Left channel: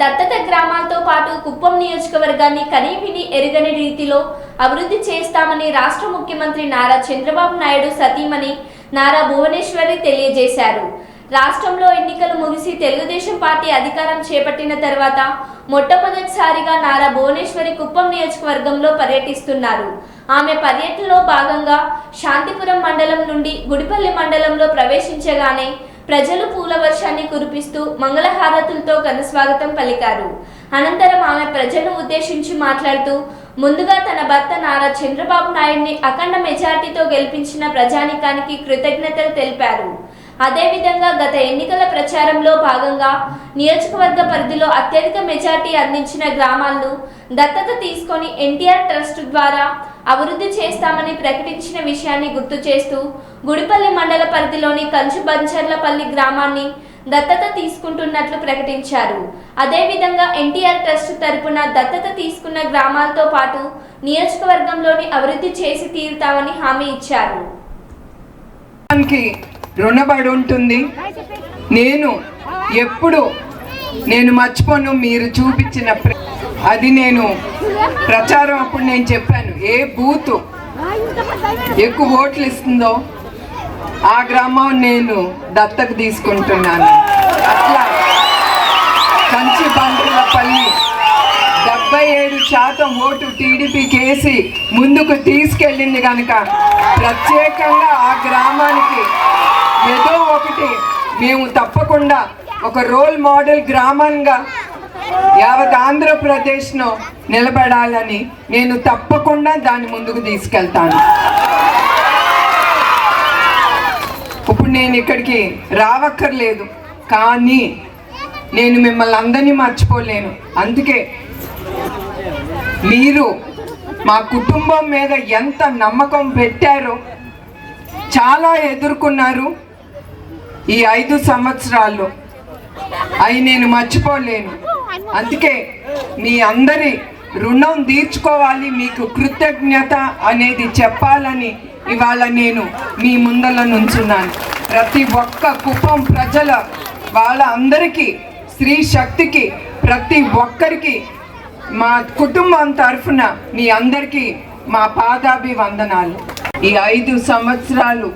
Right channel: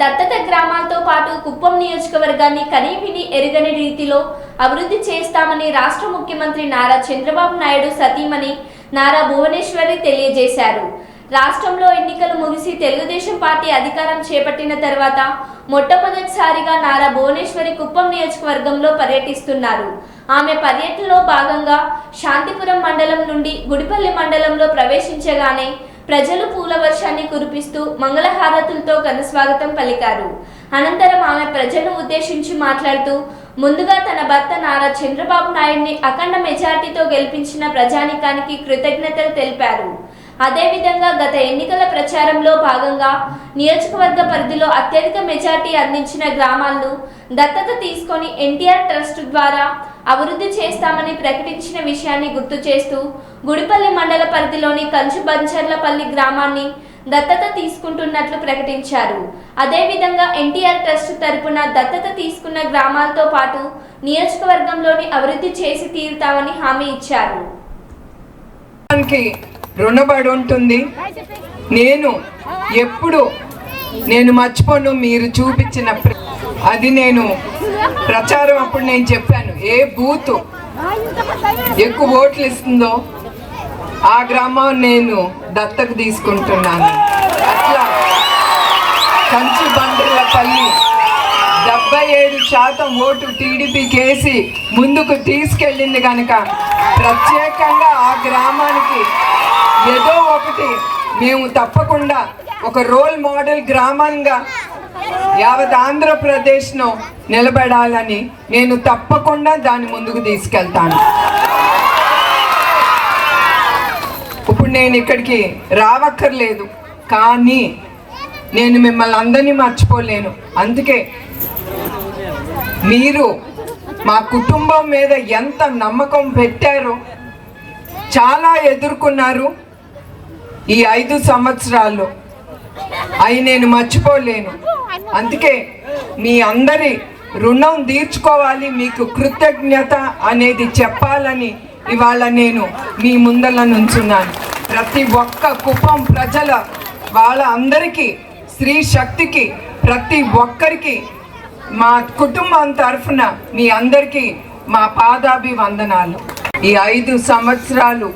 దత్తత గ్రామాలతో పాటు కుప్పం నియోజకవర్గాన్ని కనీవిని ఎరుగని రీతిలో అభివృద్ధి చేస్తామని రాష్ట్ర ముఖ్యమంత్రి నారా చంద్రబాబు నాయుడు సతీమణి నారా భువనేశ్వరి తెలియజేశారు. రాష్ట్రంలో ఎన్నికలు ముగిసి తెలుగుదేశం పార్టీ అధికారం చేపట్టిన తర్వాత మొట్టమొదటిసారిగా నారా భువనేశ్వరి కుప్పం నియోజకవర్గంలో పర్యటిస్తున్నారు. ఆమె పర్యటనలో భాగంగా శాంతిపురం మండలం నుండి గుడిపల్లి మండలంలో ప్రవేశించగానే ప్రజలు పూల వర్షాన్ని కురిపిస్తూ మంగళహారతులతో ఘనస్వాగతం పలికారు. అనంతరం ఆమె ప్రజలను ఉద్దేశించి మాట్లాడుతూ ముందుగా తన భర్త నారా చంద్రబాబు నాయుడిని అఖండ మెజార్టీతో గెలిపించిన ప్రజానికానికి కృతజ్ఞతలు తెలిపారు. అదేవిధంగా గత ఎన్నికల ప్రచారంలో భాగంగా నియోజకవర్గ పరిధిలో అత్యధిక మెజార్టీ అందించిన గ్రామాలను దత్తత తీసుకొని ఎన్టీఆర్ ట్రస్ట్ ద్వారా అభివృద్ధి చేస్తామని ప్రకటించిన విషయాన్ని గుర్తు చేస్తూ గుడిపల్లి మండల పరిధిలోని కంచు బంచర్లపల్లి గ్రామాన్ని దత్తత తీసుకుంటున్నట్లు ప్రకటించారు. అదేవిధంగా ఎన్టీఆర్ ట్రస్ట్ తరపున దత్తత తీసుకున్న గ్రామాలతో పాటు నియోజకవర్గంలోని అభివృద్ధి చేసి తీరుతామని హామీ ఇచ్చారు. రుణపడి ఉంటుంది. నేను మర్చిపోను. మీరు చూపించిన అది నేను ప్రచారం అప్పుడు నేను చెప్పాను, ఏ బూత్ ఎక్కువ ఓట్లు ఇస్తుందో ఆ గ్రామం నేను దత్తత తీసుకుంటున్నాను. అట్లా కంచి బండ్లపల్లి 77% ఓటు టీడీపీకి వేసి ముందుకు తీసుకెళ్ళింది కనుక ప్రత్యేకంగా ఆ గ్రామానికి ఏదో ఒకటి మేము తప్పకుండా ఒక రోల్ మోడల్ గ్రామంగా యావత్ ఆంధ్రప్రదేశ్లో నిలబడాలని నేను తప్పకుండా దాన్ని ముందుకు తీసుకెళ్తాను. ఇప్పుడు నేను ఇక్కడికి రావక్కర్లేదు, కానీ నేను మిమ్మల్ని అందరినీ మర్చిపోలేను. అందుకే మీరు మా కుటుంబం మీద ఎంత నమ్మకం పెట్టారో, చాలా ఎదుర్కొన్నారు ఈ 5 సంవత్సరాల్లో, అవి నేను మర్చిపోలేను. అందుకే మీ అందరి రుణం తీర్చుకోవాలి, మీకు కృతజ్ఞత అనేది చెప్పాలని ఇవాళ నేను మీ ముందల నుంచున్నాను. ప్రతి ఒక్క కుప్పం ప్రజల వాళ్ళ అందరికీ, స్త్రీ శక్తికి, ప్రతి ఒక్కరికి మా కుటుంబం తరఫున మీ అందరికీ మా పాదాభివందనాలు. ఈ 5 సంవత్సరాలు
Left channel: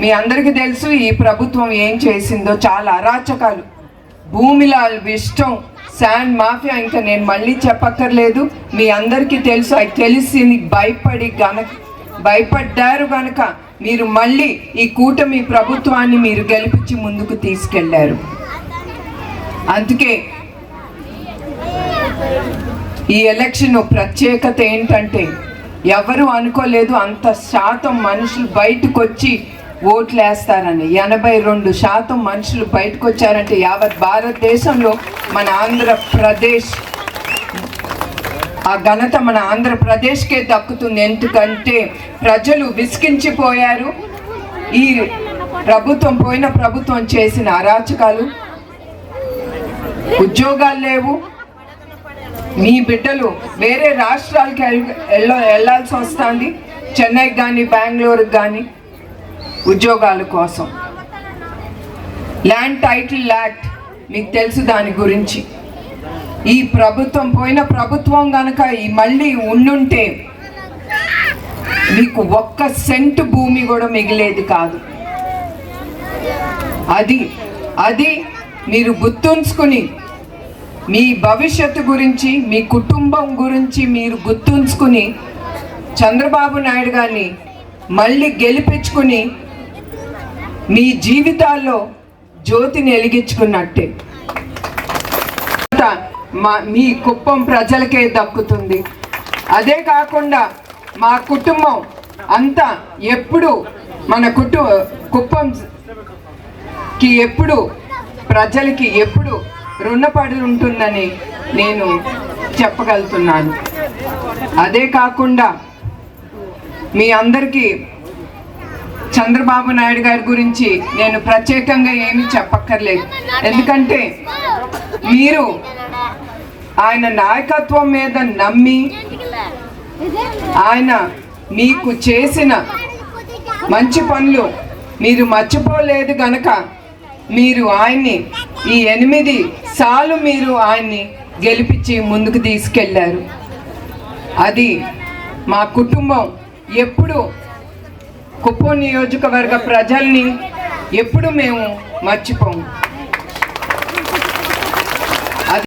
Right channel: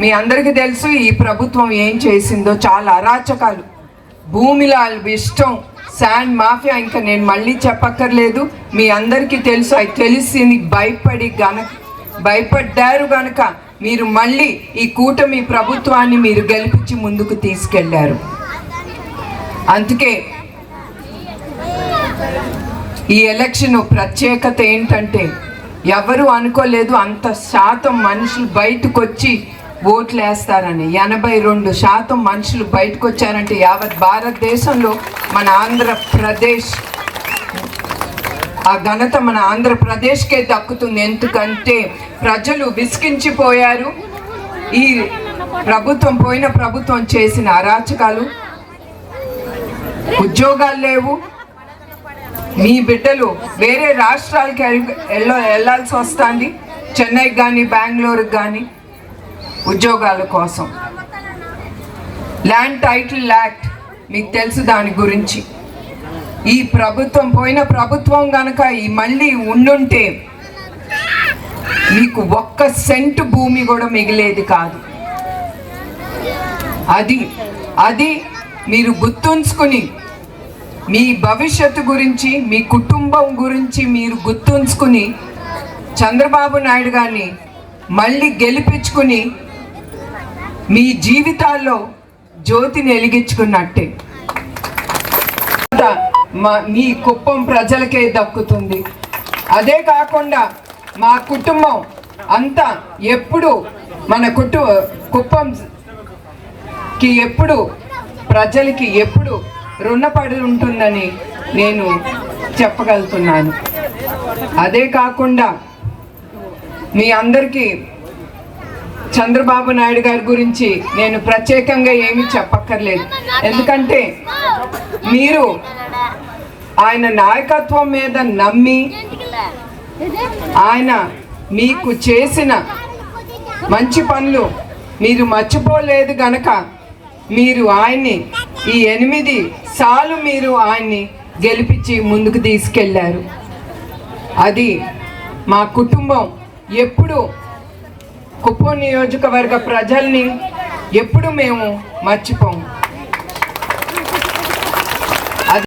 మీ అందరికీ తెలుసు ఈ ప్రభుత్వం ఏం చేసిందో. చాలా అరాచకాలు, భూమిలో ఇష్టం, శాండ్ మాఫియా, ఇంకా నేను మళ్ళీ చెప్పక్కర్లేదు. మీ అందరికీ తెలుసు. అది తెలిసింది భయపడ్డారు కనుక మీరు మళ్ళీ ఈ కూటమి ప్రభుత్వాన్ని మీరు గెలిపించి ముందుకు తీసుకెళ్లారు. అందుకే ఈ ఎలక్షన్ ప్రత్యేకత ఏంటంటే, ఎవరు అనుకోలేదు అంత శాతం మనుషులు బయటకు వచ్చి ఓట్లు వేస్తారని. 82% మనుషులు బయటకు వచ్చారంటే యావత్ భారతదేశంలో మన ఆంధ్రప్రదేశ్, ఆ ఘనత మన ఆంధ్రప్రదేశ్కే దక్కుతుంది. ఎందుకంటే ప్రజలు విసిగించిపోయారు. ఈ ప్రభుత్వం, పోయిన ప్రభుత్వం చేసిన అరాచకాలు, ఉద్యోగాలు లేవు. మీ బిడ్డలు వేరే రాష్ట్రాలకి వెళ్ళాల్సి వస్తుంది, చెన్నైకి కానీ బెంగళూరుకి కానీ ఉద్యోగాల కోసం. ల్యాండ్ టైటిల్ యాక్ట్ మీకు తెలుసు దాని గురించి. ఈ ప్రభుత్వం, పోయిన ప్రభుత్వం కనుక ఈ మళ్ళీ ఉండుంటే మీకు 1 సెంటు భూమి కూడా మిగిలేది కాదు. అది మీరు గుర్తుంచుకుని, మీ భవిష్యత్తు గురించి, మీ కుటుంబం గురించి మీరు గుర్తుంచుకుని చంద్రబాబు నాయుడు గారిని మళ్ళీ గెలిపించుకుని మీ జీవితాల్లో జ్యోతిని వెలిగించుకున్నట్టే మీ కుప్పం ప్రజలకే దక్కుతుంది. అదే కాకుండా మా కుటుంబం అంతా ఎప్పుడు మన కుప్పంకి ఎప్పుడు ప్రజలకి ఎప్పుడు రుణపడి ఉంటుందని నేను చెప్పగలుగుతున్నాను. అదే కాకుండా మీ అందరికీ చంద్రబాబు నాయుడు గారి గురించి నేను ప్రత్యేకంగా ఏమీ చెప్పక్కర్లేదు. ఎందుకంటే మీరు ఆయన నాయకత్వం మీద నమ్మి, ఆయన మీకు చేసిన మంచి పనులు మీరు మర్చిపోలేదు గనక మీరు ఆయన్ని ఈ 8 సార్లు మీరు ఆయన్ని గెలిపించి ముందుకు తీసుకెళ్లారు. అది మా కుటుంబం ఎప్పుడు కుప్పం నియోజకవర్గ ప్రజల్ని ఎప్పుడు మేము మర్చిపోము.